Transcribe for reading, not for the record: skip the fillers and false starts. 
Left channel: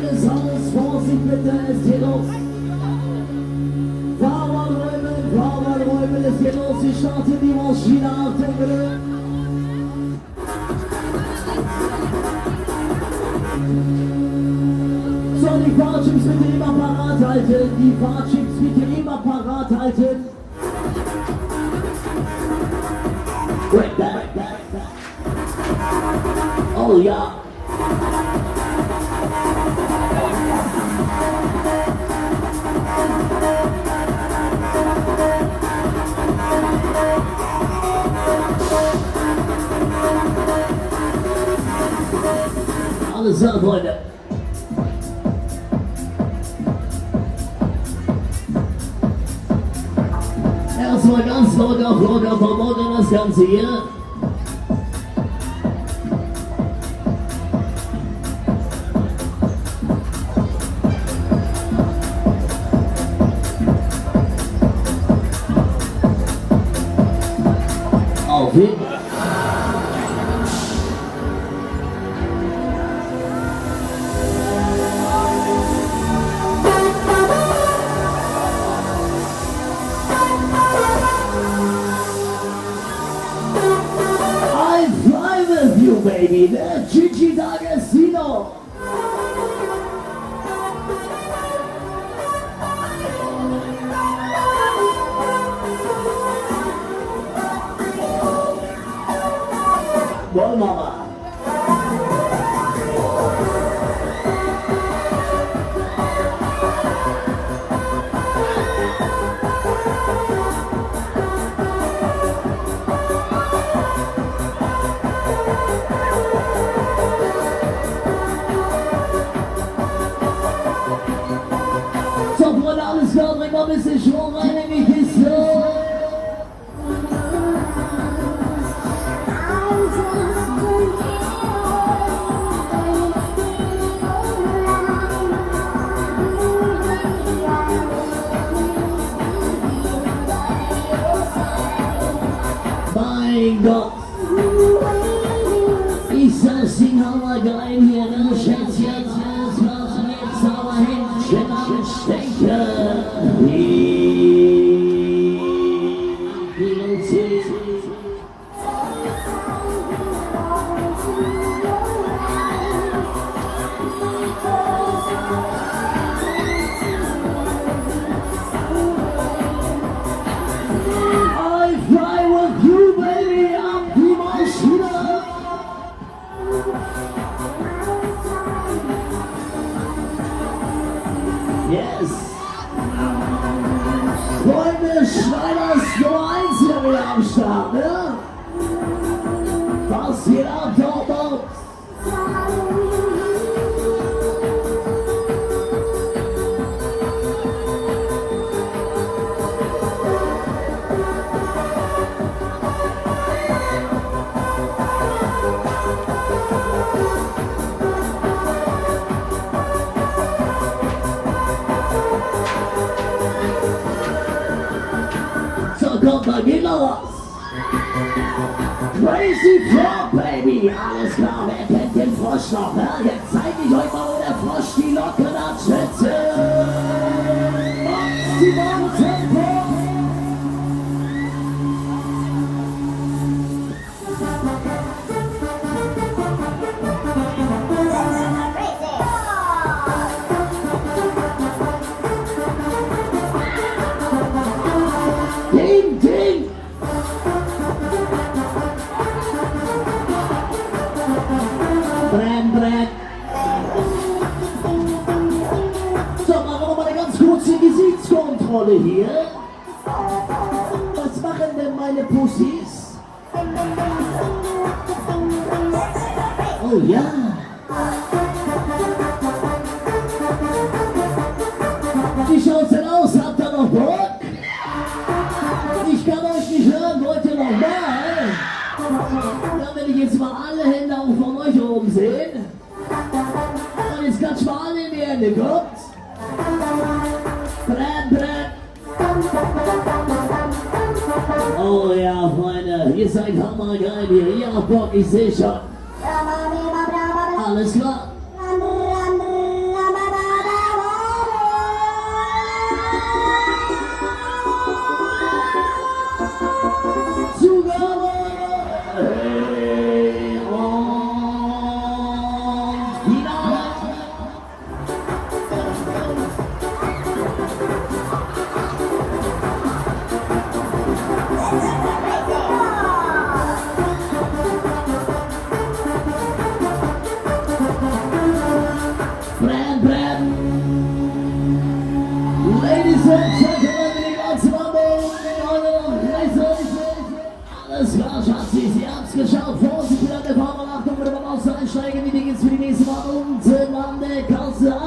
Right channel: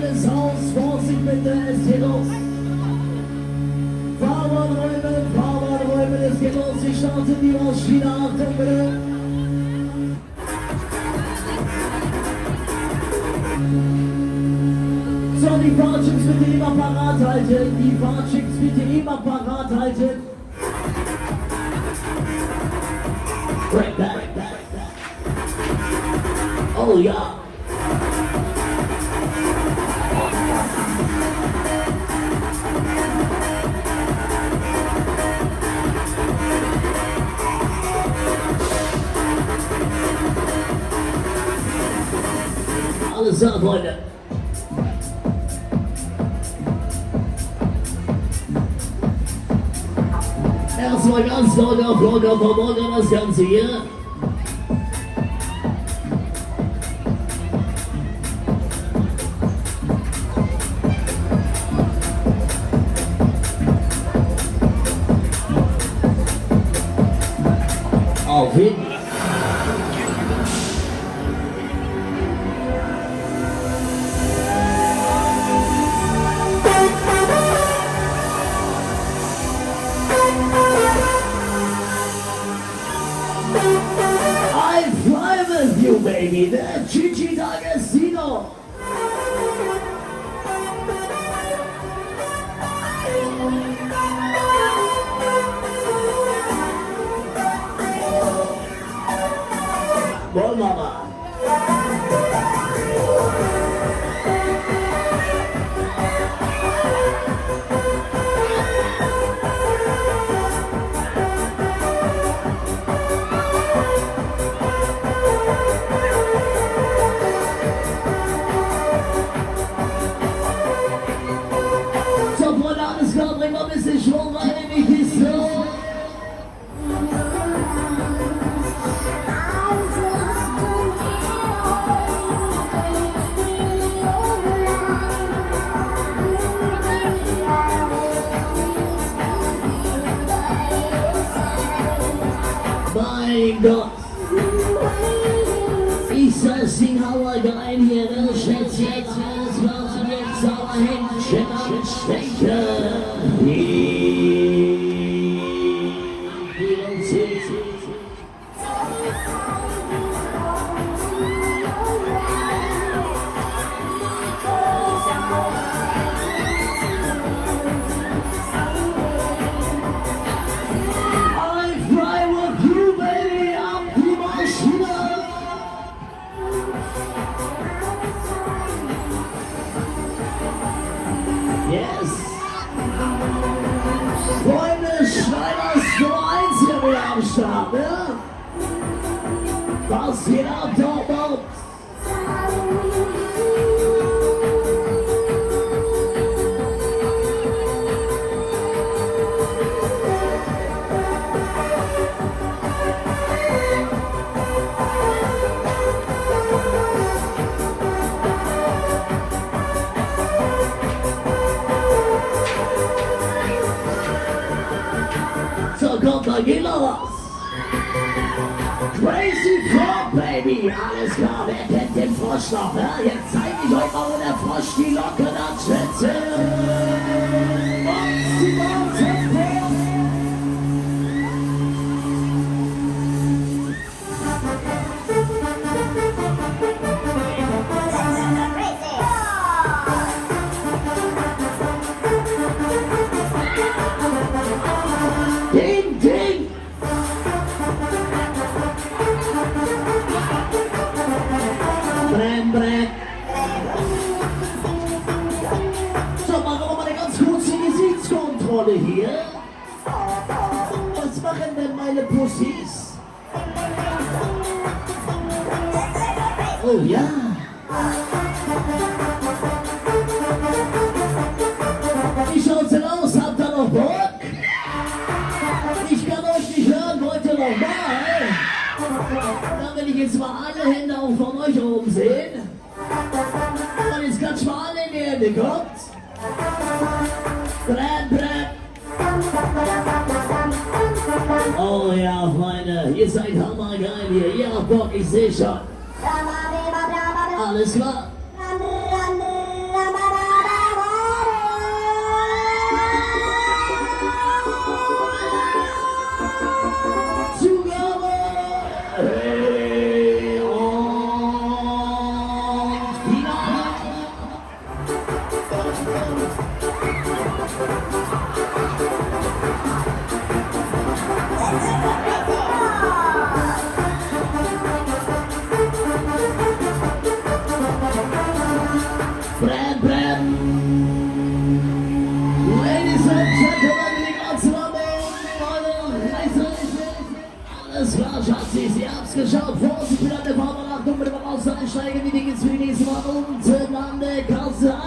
alles raus, Vorsicht bitte, es geht los. Fahrbahnräumen, es geht los, ich starte die Maschine, Achtung bitte. So, die Fahrchicks bitte immer parat halten, die Fahrchicks bitte immer parat halten. Oh ja. Alles klar, Freunde. Erstmal ganz locker verborgen das Ganze hier. Auf hin. Baby, the Gigi D'Agostino. Well, Mama. Bring mal ein bisschen Schwung rein in die Kiste. Mein Gott. Ich saß den Hammer rein hier, ne? Schätzchen, das war jetzt aber Händchen anstechen. Yes! Freunde, Schneiders Nummer 1 hier wieder am Start, ne? Was geht ab, Dortmund? Kommt, da geht noch was. Crazy Frog, Baby. Alles klar, wer kennt den Frosch noch? Ne? Jetzt zeig ich euch mal, wo der Frosch die Locken anschwitzt. So, machen wir mal eine ganz kurze Gesichtskontrolle hier. Was machen denn meine Pussys? Oh ja. Wie schaut's denn aus? Habt ihr noch Bock? Ich kann euch nicht hören, wollt ihr noch mal? Dann will ich jetzt mal alle Hände auch von euch oben sehen. Und jetzt klatsch mal alle in die Hände, kommt. Oh ja, Freunde, ihr seid hammergeil hier. Ihr habt Bock, ich seh schon. Alles klar. alles klar, Schatzi, ihr habt's geschaut. Vorsicht, an der Kamera, Achtung, mit dem Ausland einsteigen. Wie geht's für die nächste Mal? Unten an der Kasse